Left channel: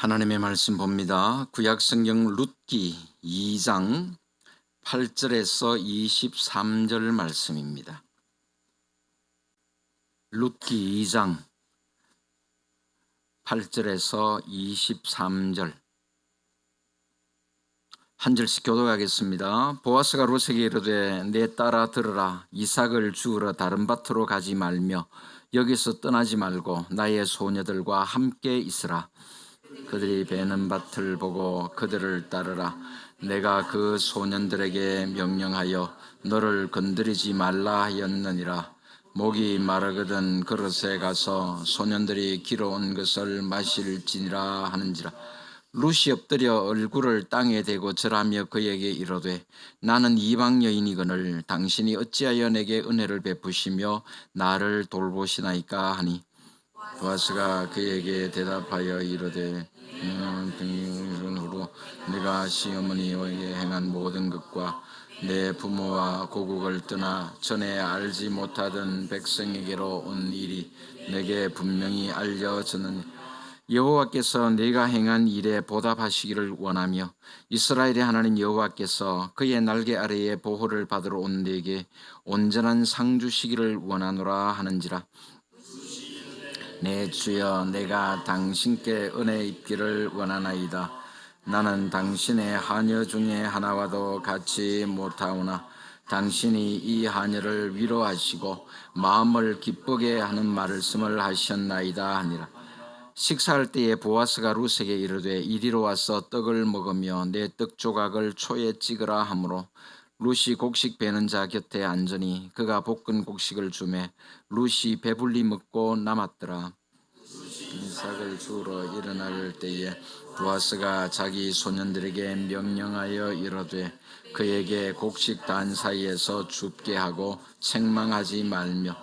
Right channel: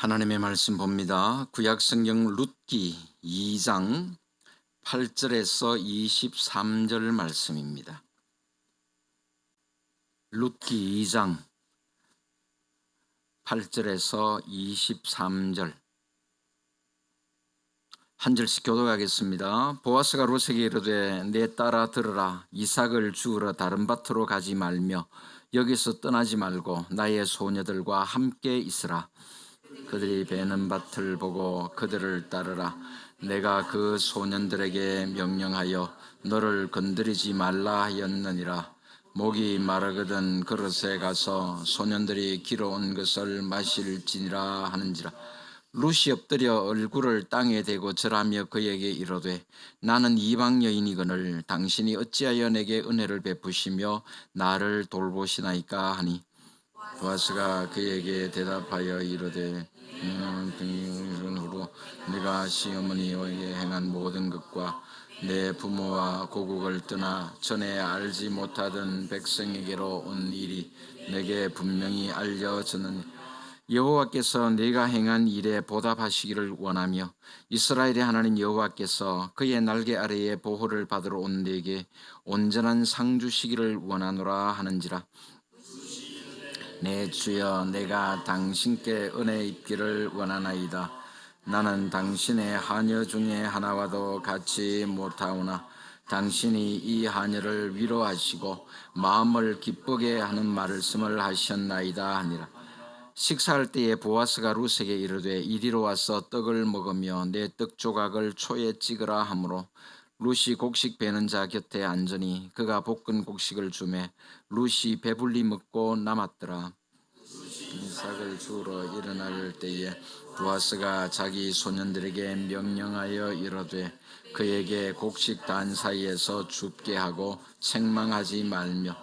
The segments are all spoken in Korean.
하나님의 말씀 봅니다. 구약성경 룻기 2장 8절에서 23절 말씀입니다. 룻기 2장 8절에서 23절 한 절씩 교독하겠습니다. 보아스가 룻에게 이르되 내 딸아 들으라. 이삭을 주우러 다른 밭으로 가지 말며 여기서 떠나지 말고 나의 소녀들과 함께 있으라. 그들이 베는 밭을 보고 그들을 따르라. 내가 그 소년들에게 명령하여 너를 건드리지 말라 하였느니라. 목이 마르거든 그릇에 가서 소년들이 길어온 것을 마실지니라 하는지라. 룻이 엎드려 얼굴을 땅에 대고 절하며 그에게 이르되 나는 이방 여인이거늘 당신이 어찌하여 내게 은혜를 베푸시며 나를 돌보시나이까 하니 보아스가 그에게 대답하여 이르되 후로 내가 시어머니에게 행한 모든 것과 내 부모와 고국을 떠나 전에 알지 못하던 백성에게로 온 일이 내게 분명히 알려졌느니 여호와께서 내가 행한 일에 보답하시기를 원하며 이스라엘의 하나님 여호와께서 그의 날개 아래에 보호를 받으러 온 내게 온전한 상 주시기를 원하노라 하는지라. 내 주여 내가 당신께 은혜 입기를 원하나이다. 나는 당신의 하녀 중에 하나와도 같이 못하오나 당신이 이 하녀를 위로하시고 마음을 기쁘게 하는 말씀을 하셨나이다 하니라. 식사할 때에 보아스가 룻에게 이르되 이리로 와서 떡을 먹으며 내 떡 조각을 초에 찍으라 하므로 룻이 곡식 베는 자 곁에 앉으니 그가 볶은 곡식을 주매 룻이 배불리 먹고 남았더라. 이삭을 주우러 일어날 때에 보아스가 자기 소년들에게 명령하여 이르되 그에게 곡식 단 사이에서 줍게 하고 책망하지 말며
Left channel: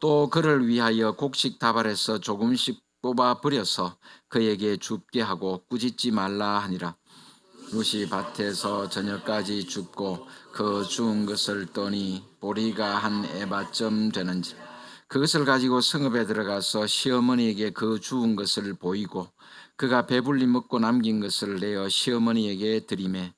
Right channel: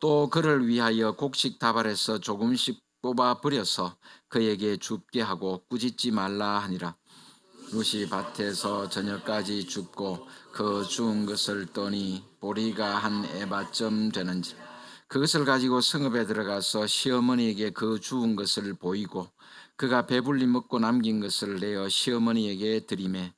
또 그를 위하여 곡식 다발에서 조금씩 뽑아 버려서 그에게 줍게 하고 꾸짖지 말라 하니라. 룻이 밭에서 저녁까지 줍고 그 주운 것을 떠니 보리가 한 에바쯤 되는지 그것을 가지고 성읍에 들어가서 시어머니에게 그 주운 것을 보이고 그가 배불리 먹고 남긴 것을 내어 시어머니에게 드리매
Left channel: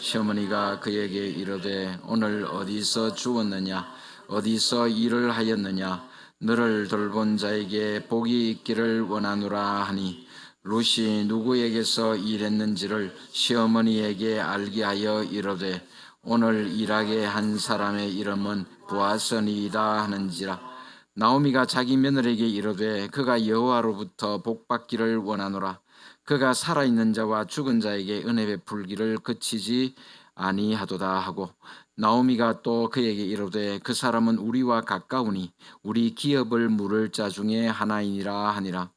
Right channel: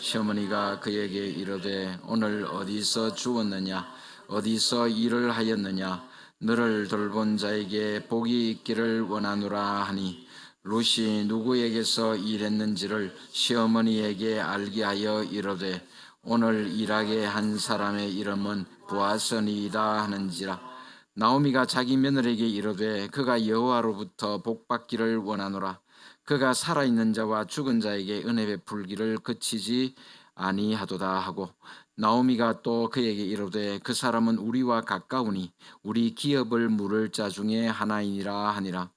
시어머니가 그에게 이르되 오늘 어디서 주웠느냐 어디서 일을 하였느냐 너를 돌본 자에게 복이 있기를 원하노라 하니 룻이 누구에게서 일했는지를 시어머니에게 알게 하여 이르되 오늘 일하게 한 사람의 이름은 보아스니이다 하는지라. 나오미가 자기 며느리에게 이르되 그가 여호와로부터 복받기를 원하노라. 그가 살아있는 자와 죽은 자에게 은혜 베풀기를 그치지 아니하도다 하고 나오미가 또 그에게 이르되 그 사람은 우리와 가까우니 우리 기업을 물을 자 중에 하나이니라 하니라.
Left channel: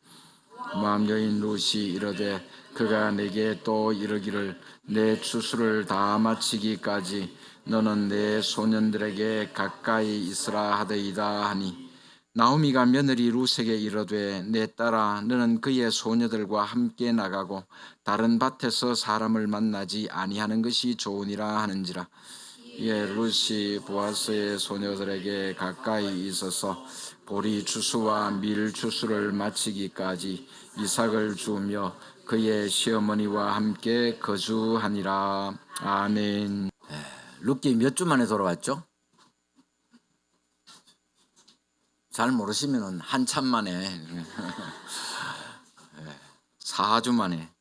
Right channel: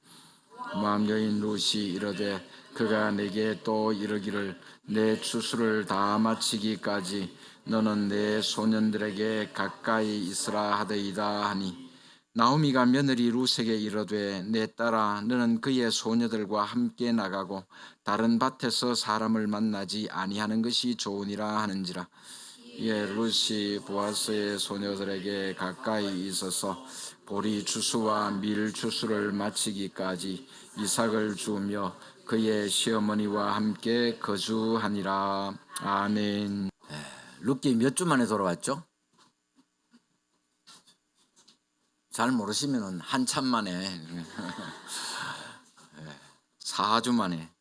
모압 여인 룻이 이르되 그가 내게 또 이르기를 내 추수를 다 마치기까지 너는 내 소년들에게 가까이 있으라 하더이다 하니 나오미가 며느리 룻에게 이르되 내 딸아 너는 그의 소녀들과 함께 나가고 다른 밭에서 사람을 만나지 아니하는 것이 좋으니라 하는지라. 이에 룻이 보아스의 소녀들에게 가까이 있어서 보리 추수와 밀 추수를 마치기까지 이삭을 주며 그의 시어머니와 함께 거주하니라. 아멘. 룻기 몇 주 만에 돌아왔죠? 잘 모르시면 한참 만에 4주 만에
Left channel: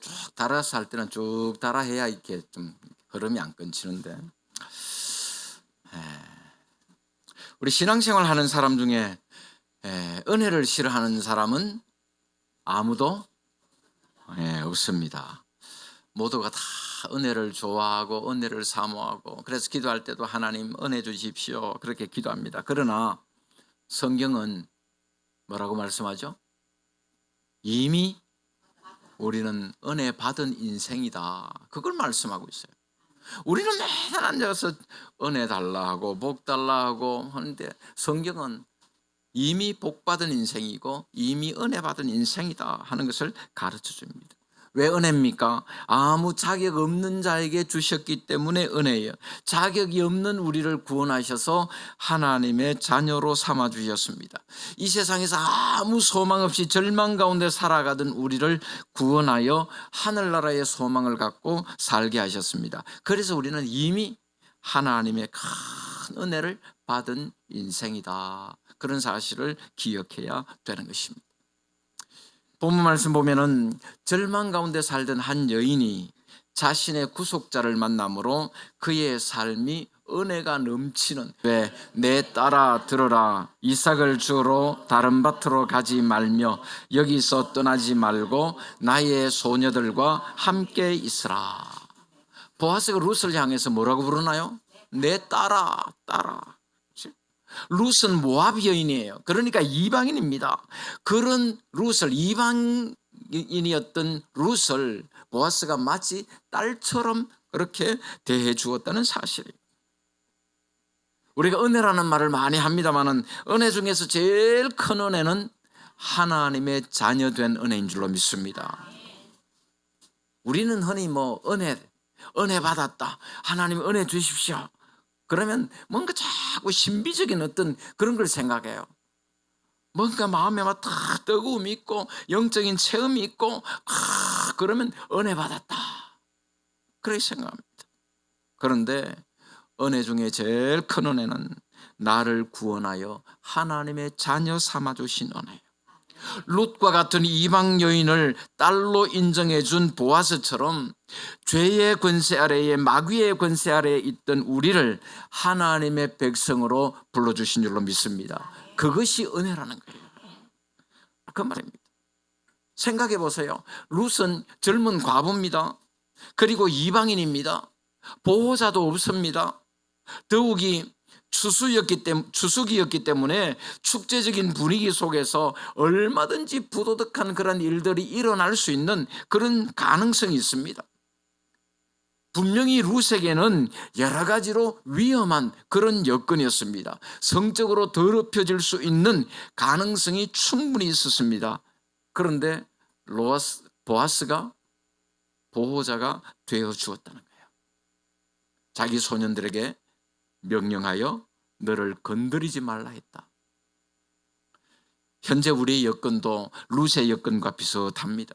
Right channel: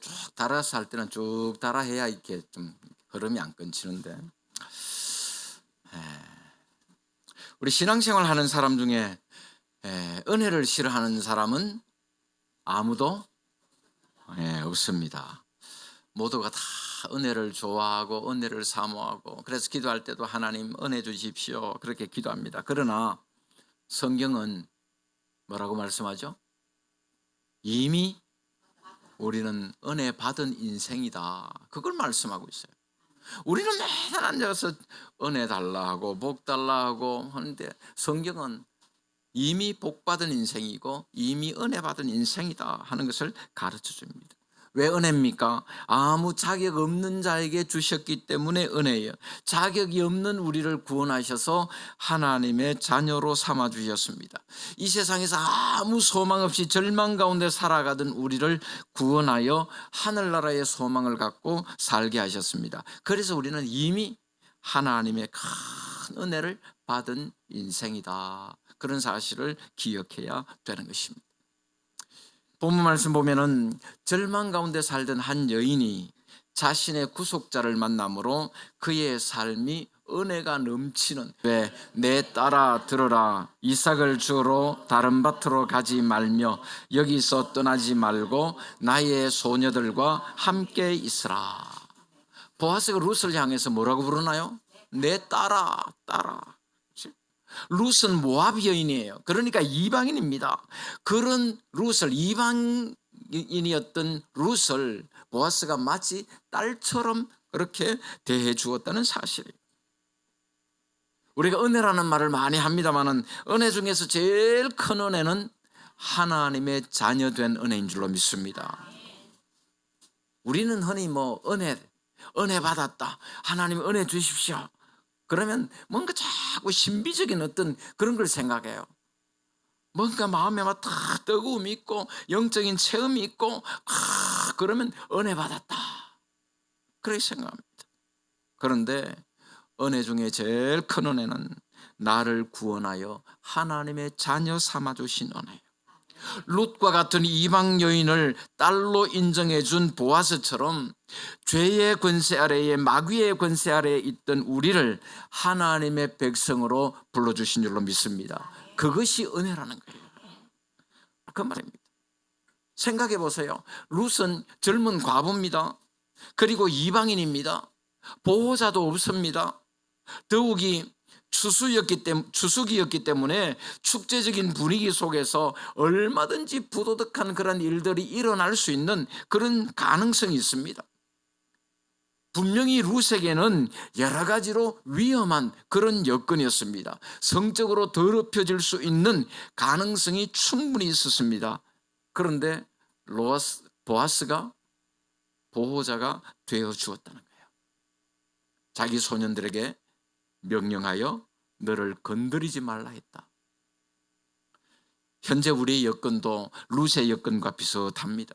쭉 달아서 할 때는 쭉 달아 해야 이렇게 좀 흐름이 안 끊치는데 우리 신앙생활 하는 사람 중에 은혜를 싫어하는 사람은 아무도 없습니다. 모두가 다 은혜를 좋아하고 은혜를 사모하고 그래서 기도할 때도 하나님 은혜 주십시오 그렇게 기도합니다. 그러나 성경은 뭐라고 말씀하죠? 이미 우리는 은혜 받은 인생이다. 그걸 말씀하고 있어요. 우리는 매달 앉아서 은혜 달라 하고 복 달라 하고 하는데 성경은 이미 복 받은 인생이고 이미 은혜 받은 인생이다 하는 것을 가르쳐 줍니다. 왜 은혜입니까? 아무 자격 없는 자에게 주셨기 때문에 은혜예요. 자격이 없는 우리를 구원하셔서 하나님의 자녀로 삼아 주셨습니다. 이 세상에서 아무 소망 없이 절망 가운데 살아가던 우리를 구원하여 하늘나라의 소망을 갖고 살게 하셨습니다. 그래서 우리는 이미 하나님의 큰 은혜를 받은 인생이다. 그런 사실을 기억해야 되는 것입니다. 본문 말씀 보면은 절망 가운데 살던 한 여인이 자신의 구속자를 만남으로 그의 삶이 은혜가 넘치는, 왜 내 딸아 들어라, 이삭을 주러 다른 밭으로 가지 말며 여기서 떠나지 말고 나의 소녀들과 함께 있으라. 보아스가 룻을 향해서 뭐라고 부르나요? 내 딸아, 딸아. 룻은 모압 여인이에요. 그러니까 이방인입니다. 그런 룻을, 이방인이었던 룻을 보아스가 마치 딸처럼 그렇게 대해 주었다는 사실이에요. 우리가 은혜라는 말을 많이 합니다만 은혜 중에서 제일 큰 은혜는 하나님의 자녀된 은혜인 줄로 믿습니다. 우리는 흔히 은혜 받았다, 하나님 은혜 주십시오, 그러면 뭔가 자꾸 신비적인 어떤 그런 걸 생각해요. 뭔가 마음에 막 뜨거움이 있고 영적인 체험이 있고 그러면 은혜 받았다, 그렇게 생각합니다. 그런데 은혜 중에 제일 큰 은혜는 나를 구원하여 하나님의 자녀 삼아주신 은혜예요. 룻과 같은 이방 여인을 딸로 인정해 준 보아스처럼 죄의 권세 아래에, 마귀의 권세 아래에 있던 우리를 하나님의 백성으로 불러주신 줄로 믿습니다. 그것이 은혜라는 거예요. 그 말입니다. 생각해 보세요. 룻은 젊은 과부입니다. 그리고 이방인입니다. 보호자도 없습니다. 더욱이 추수기였기 때문에 축제적인 분위기 속에서 얼마든지 부도덕한 그런 일들이 일어날 수 있는 그런 가능성이 있습니다. 분명히 룻에게는 여러 가지로 위험한 그런 여건이었습니다. 성적으로 더럽혀질 수 있는 가능성이 충분히 있었습니다. 그런데 보아스가 보호자가 되어 주었다는 거예요. 자기 소년들에게 명령하여 너를 건드리지 말라 했다. 현재 우리의 여건도 룻의 여건과 비슷합니다.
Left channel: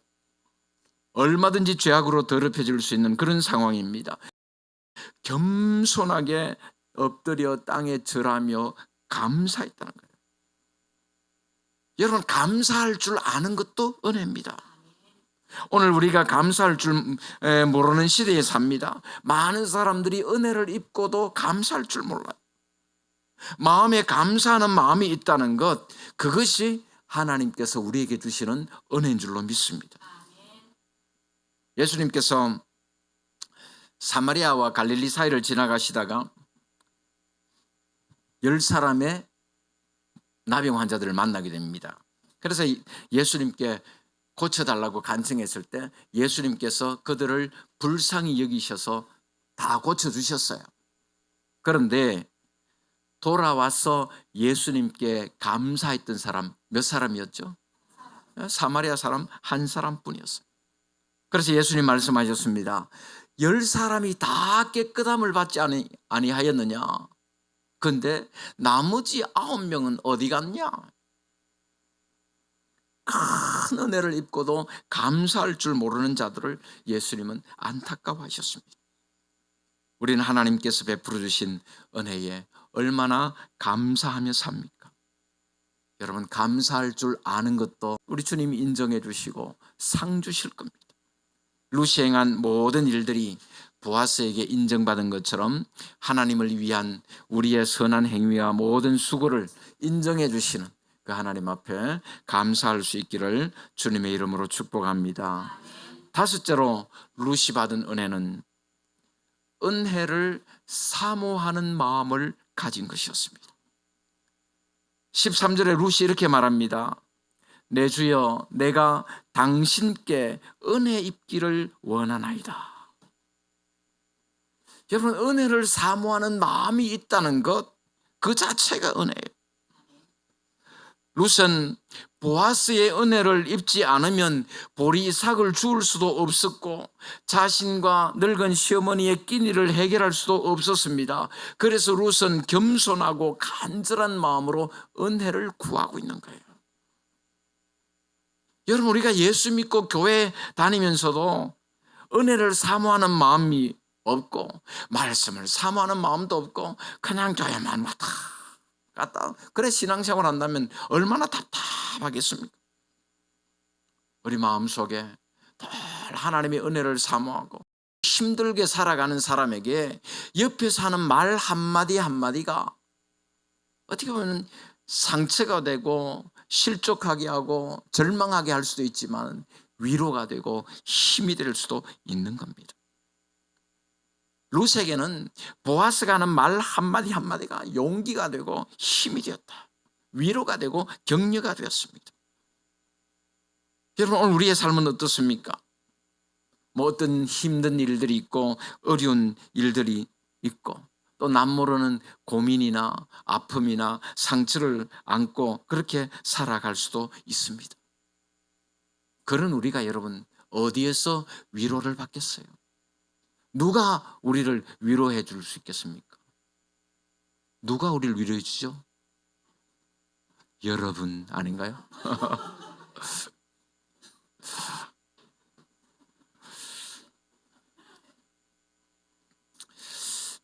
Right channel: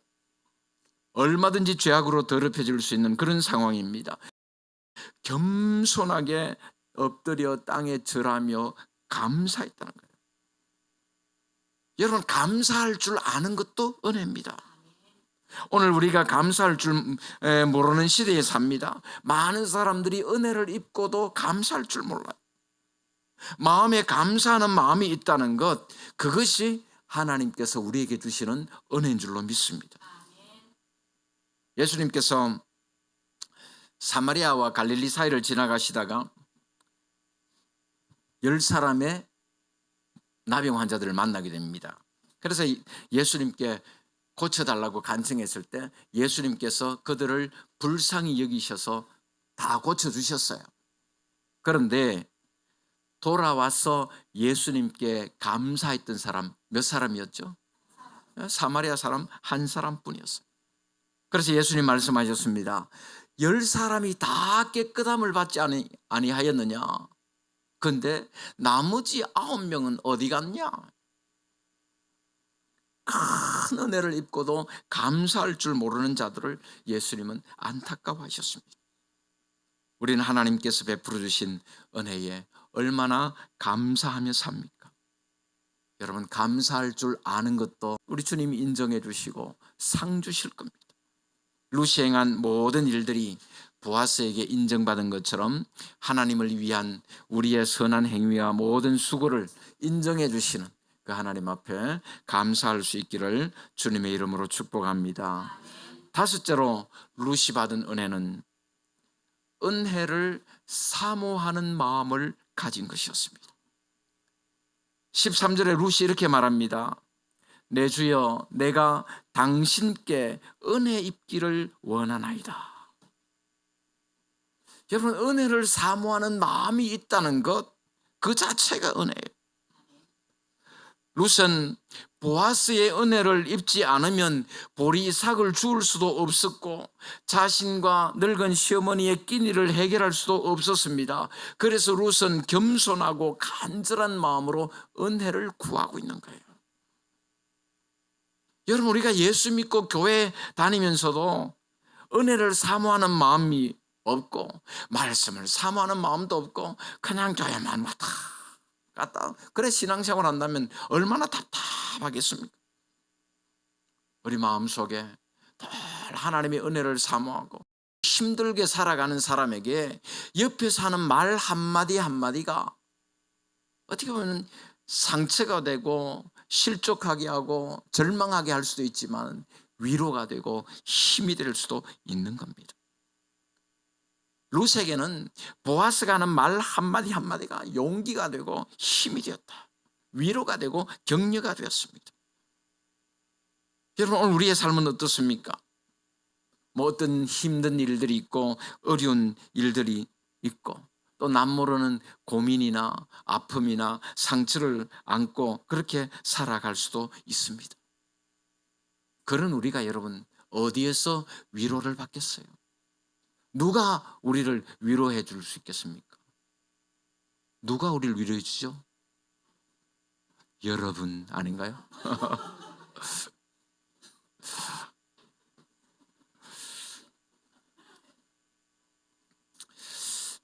얼마든지 죄악으로 더럽혀질 수 있는 그런 상황입니다. 겸손하게 엎드려 땅에 절하며 감사했다는 거예요. 여러분, 감사할 줄 아는 것도 은혜입니다. 오늘 우리가 감사할 줄 모르는 시대에 삽니다. 많은 사람들이 은혜를 입고도 감사할 줄 몰라요. 마음에 감사하는 마음이 있다는 것, 그것이 하나님께서 우리에게 주시는 은혜인 줄로 믿습니다. 예수님께서 사마리아와 갈릴리 사이를 지나가시다가 10사람의 나병 환자들을 만나게 됩니다. 그래서 예수님께 고쳐달라고 간청했을 때 예수님께서 그들을 불쌍히 여기셔서 다 고쳐주셨어요. 그런데 돌아와서 예수님께 감사했던 사람 몇 사람이었죠? 사마리아 사람 한 사람뿐이었어요. 그래서 예수님 말씀하셨습니다. 10사람이 다 깨끗함을 받지 아니하였느냐? 근데 나머지 9명은 어디 갔냐? 큰 은혜를 입고도 감사할 줄 모르는 자들을 예수님은 안타까워하셨습니다. 우리는 하나님께서 베풀어 주신 은혜에 얼마나 감사하며 삽니까? 여러분, 감사할 줄 아는 것도 우리 주님이 인정해 주시고 상 주실 겁니다. 룻이 행한 모든 일들이 보아스에게 인정받은 것처럼 하나님을 위한 우리의 선한 행위와 모든 수고를 인정해 주시는 그 하나님 앞에 감사할 수 있기를 주님의 이름으로 축복합니다. 다섯째로 룻이 받은 은혜는 은혜를 사모하는 마음을 가진 것이었습니다. 13절에 룻이 이렇게 말합니다. 내 주여, 내가 당신께 은혜 입기를 원하나이다. 여러분, 은혜를 사모하는 마음이 있다는 것, 그 자체가 은혜예요. 룻은 보아스의 은혜를 입지 않으면 보리 이삭을 주울 수도 없었고 자신과 늙은 시어머니의 끼니를 해결할 수도 없었습니다. 그래서 룻은 겸손하고 간절한 마음으로 은혜를 구하고 있는 거예요. 여러분, 우리가 예수 믿고 교회 다니면서도 은혜를 사모하는 마음이 없고 말씀을 사모하는 마음도 없고 그냥 교회만 왔다 갔다, 그래 신앙생활 한다면 얼마나 답답하겠습니까? 우리 마음속에 늘 하나님의 은혜를 사모하고 힘들게 살아가는 사람에게 옆에서 하는 말 한마디 한마디가 어떻게 보면 상처가 되고 실족하게 하고 절망하게 할 수도 있지만 위로가 되고 힘이 될 수도 있는 겁니다. 룻에게는 보아스가 하는 말 한마디 한마디가 용기가 되고 힘이 되었다. 위로가 되고 격려가 되었습니다. 여러분, 오늘 우리의 삶은 어떻습니까? 어떤 힘든 일들이 있고 어려운 일들이 있고 또 남모르는 고민이나 아픔이나 상처를 안고 그렇게 살아갈 수도 있습니다. 그런 우리가 여러분 어디에서 위로를 받겠어요? 누가 우리를 위로해 줄 수 있겠습니까? 누가 우리를 위로해 주죠? 여러분 아닌가요?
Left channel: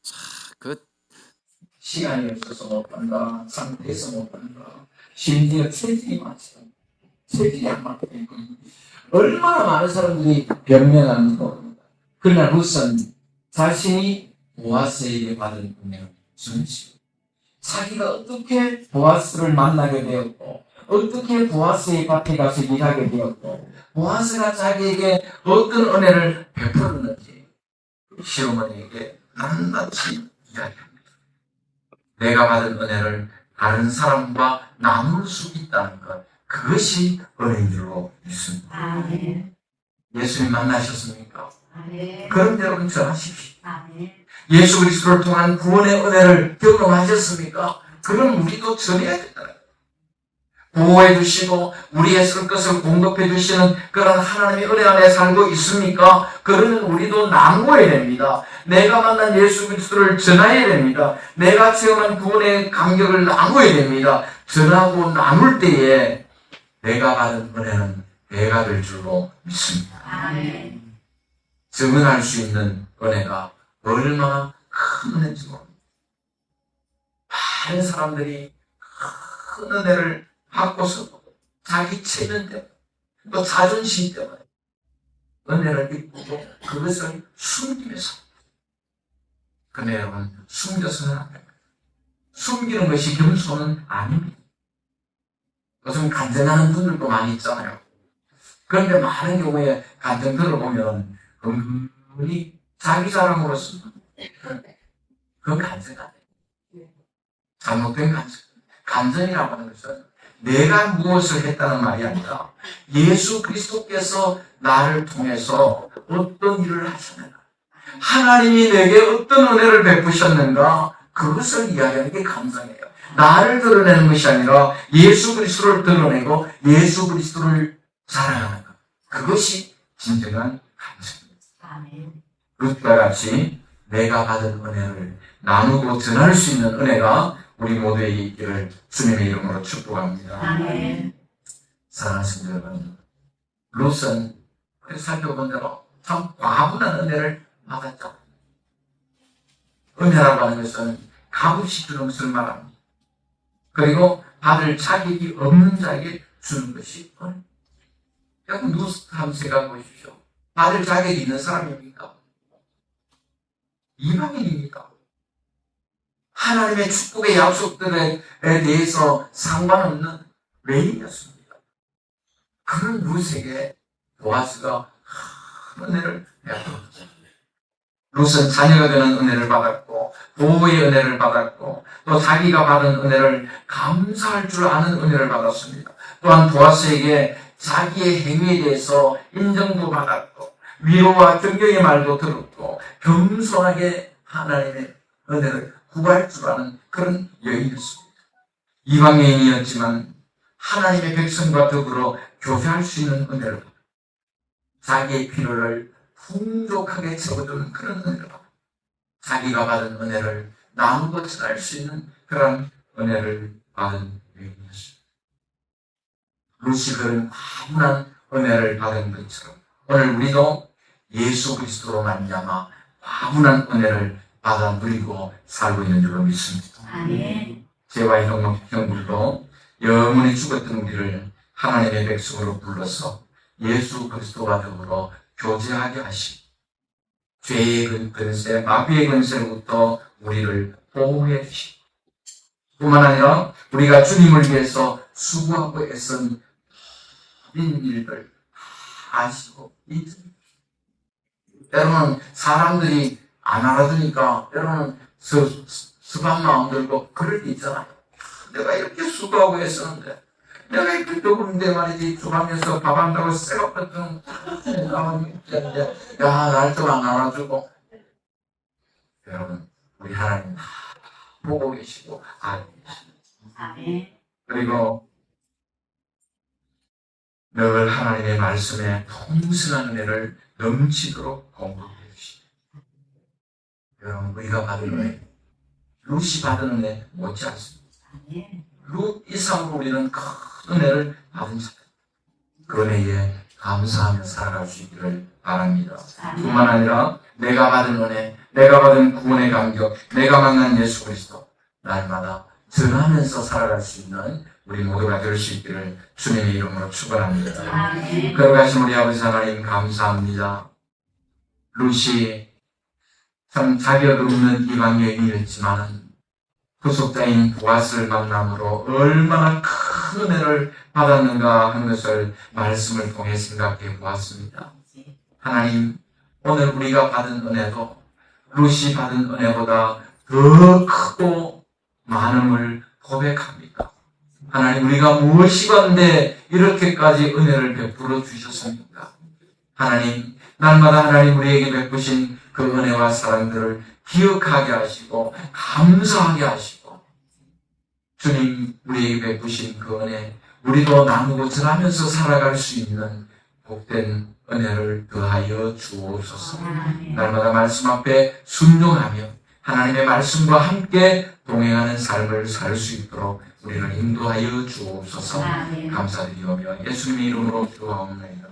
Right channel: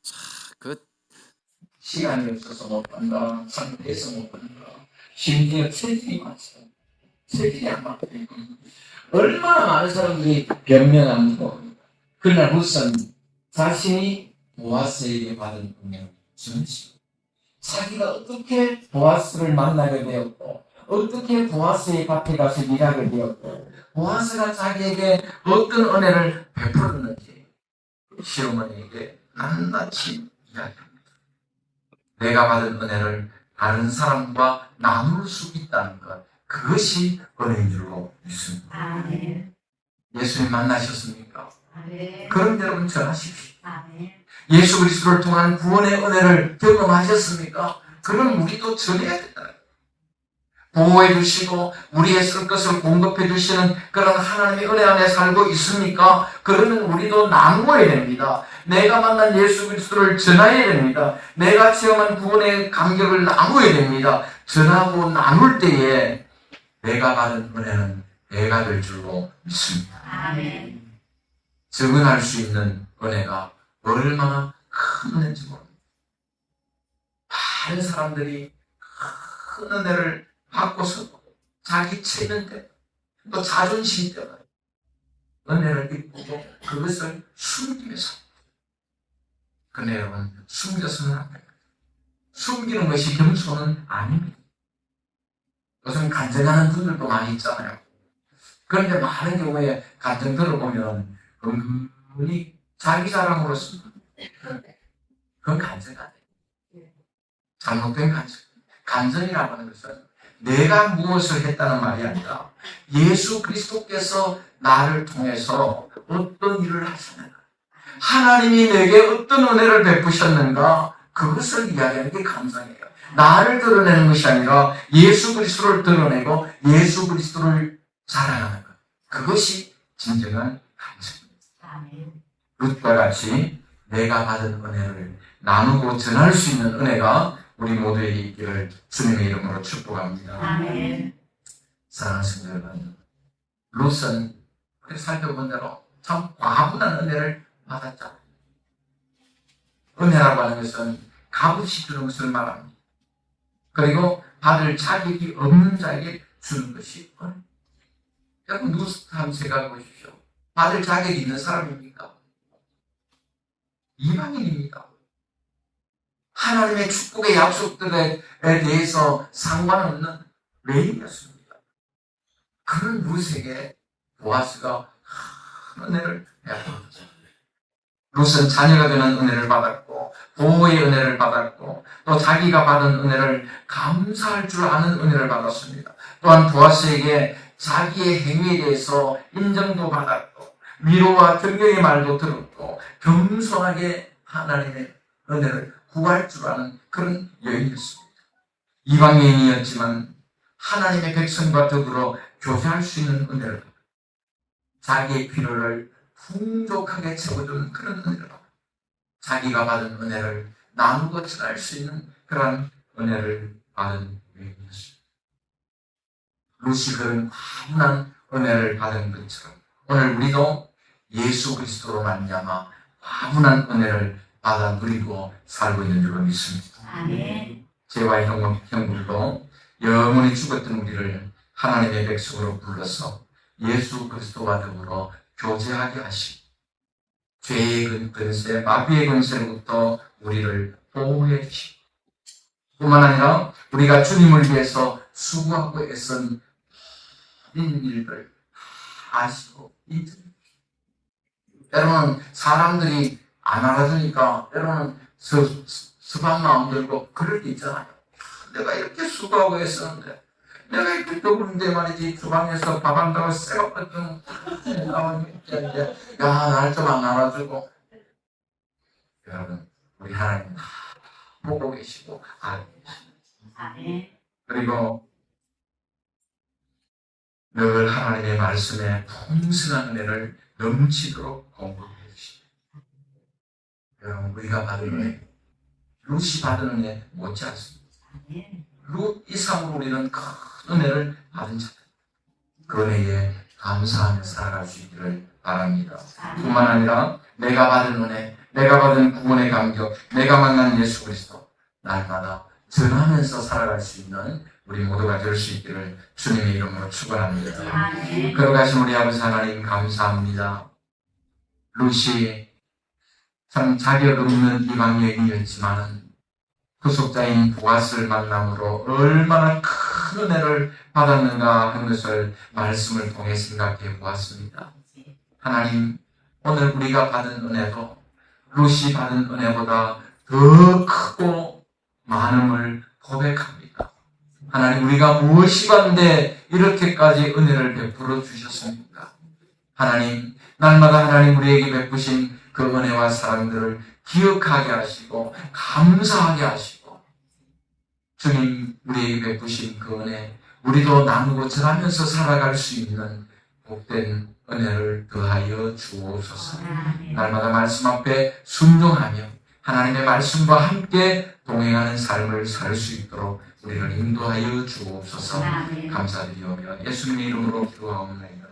자, 그 시간이 없어서 못 간다, 상태에서 못 간다, 심지어 체질이 많죠. 체질이 안 맞고 얼마나 많은 사람들이 변명하는 겁니다. 그러나 룻은 자신이 보아스에게 받은 은혜를 전시고 자기가 어떻게 보아스를 만나게 되었고 어떻게 보아스의 밭에 가서 일하게 되었고 보아스가 자기에게 어떤 은혜를 베풀었는지 시어머니에게 낱낱이 이야기합니다. 내가 받은 은혜를 다른 사람과 나눌 수 있다는 것, 그것이 은혜인 줄로 믿습니다. 예수님 만나셨습니까? 그럼 여러분 전하십시오. 예수 그리스도를 통한 구원의 은혜를 경험하셨습니까? 그럼 우리도 전해야 된다. 보호해 주시고 우리의 쓸 것을 공급해 주시는 그런 하나님의 은혜 안에 살고 있습니까? 그러면 우리도 나누어야 됩니다. 내가 만난 예수 그리스도를 전해야 됩니다. 내가 체험한 구원의 감격을 나누어야 됩니다. 전하고 나눌 때에 내가 받은 은혜는 배가 될 줄로 믿습니다. 증언할 수 있는 은혜가 얼마나 큰 은혜인지 모릅니다. 많은 사람들이 큰 은혜를 받고서 자기 체면 때문에 또 자존심 때문에 은혜를 입고 그것을 숨기면서 근데 여러분 숨겨서는 안 됩니다. 숨기는 것이 겸손은 아닙니다. 요즘 간증하는 분들도 많이 있잖아요. 그런데 많은 경우에 간증 들어보면 은근히 자기 자랑으로 쓰는 그건 간증 아니에요. 잘못된 간증. 간증이라고 하는 것은 내가 무엇을 했다는 말이 아니라 예수 그리스도께서 나를 통해서 어떤 일을 하셨는가, 하나님이 내게 어떤 은혜를 베푸셨는가, 그것을 이야기하는 게 감상이에요. 나를 드러내는 것이 아니라 예수 그리스도를 드러내고 예수 그리스도를 자랑하는 것, 그것이 진정한 감사입니다. 룻과 같이 내가 받은 은혜를 나누고 전할 수 있는 은혜가 우리 모두에게 있기를 주님의 이름으로 축복합니다. 사랑하는 성도 여러분, 룻은 살펴본 대로 참 과분한 은혜를 받았죠. 은혜라고 하는 것은 값없이 주는 것을 말합니다. 그리고 받을 자격이 없는 자에게 주는 것이 은혜. 여러분 룻 한번 생각해 보십시오. 받을 자격이 있는 사람입니까? 이방인입니까? 하나님의 축복의 약속들에 대해서 상관없는 외인이었습니다. 그런 룻에게 보아스가 은혜를 베풀었습니다. 룻은 자녀가 되는 은혜를 받았고 보호의 은혜를 받았고 또 자기가 받은 은혜를 감사할 줄 아는 은혜를 받았습니다. 또한 보아스에게 자기의 행위에 대해서 인정도 받았고 위로와 존경의 말도 들었고 겸손하게 하나님의 은혜를 구할 줄 아는 그런 여인이었습니다. 이방인이었지만 하나님의 백성과 더불어 교제할 수 있는 은혜를, 자기의 필요를 풍족하게 채워주는 그런 은혜를, 자기가 받은 은혜를 나누고 전할 수 있는 그런 은혜를 받은 여인이었습니다. 루시fer은 아무런 은혜를 받은 것처럼 오늘 우리도 예수 그리스도로 말미암아 아무런 은혜를 받아 누리고 살고 있는 줄로 믿습니다. 아멘. 제와 형들도 영원히 죽었던 우리를 하나님의 백성으로 불러서 예수 그리스도와 더불어 교제하게 하시고 죄의 근세, 마귀의 근세로부터 우리를 보호해 주시고 뿐만 아니라 우리가 주님을 위해서 수고하고 애쓴 모든 일들 아시고 있습니다. 때로는 사람들이 안 알아주니까 때로는 습한 마음 들고 그럴 때 있잖아요. 내가 이렇게 수고하고 애썼는데 내가 이렇게 배고픈데 말이지 주방에서 밥 한다고 쎄가പ്പെട്ട던 야 날 좀 안 알아주고. 여러분 우리 하나님 다 보고 계시고 알고 계십니다. 아멘. 그리고 늘 하나님의 말씀에 풍성한 은혜를 넘치도록 공급해 주십니다. 여러분 우리가 받은 은혜, 룻이 받은 은혜 못지 않습니다. 아멘. 룻 이상으로 우리는 큰 은혜를 받은 사람, 그 은혜에 감사하며 살아갈 수 있기를 바랍니다. 뿐만 아니라 내가 받은 은혜, 내가 받은 구원의 감격, 내가 만난 예수 그리스도 날마다 전하면서 살아갈 수 있는 우리 모두가 될 수 있기를 주님의 이름으로 축원합니다. 아멘. 거룩하신 우리 아버지 하나님 감사합니다. 룻이 참 자격 없는 이방 여인이었지만 구속자인 보아스를 만남으로 얼마나 큰 은혜를 받았는가 하는 것을 말씀을 통해 생각해 보았습니다. 하나님, 오늘 우리가 받은 은혜도 룻이 받은 은혜보다 더 크고 많음을 고백합니다. 하나님, 우리가 무엇이 간데 이렇게까지 은혜를 베풀어 주셨습니까? 하나님, 날마다 하나님 우리에게 베푸신 그 은혜와 사랑들을 기억하게 하시고 감사하게 하시고 주님 우리에게 베푸신 그 은혜 우리도 나누고 전하면서 살아갈 수 있는 복된 은혜를 더하여 주옵소서. 날마다 말씀 앞에 순종하며 하나님의 말씀과 함께 동행하는 삶을 살 수 있도록 우리를 인도하여 주옵소서. 감사드리오며 예수님의 이름으로 기도하옵나이다.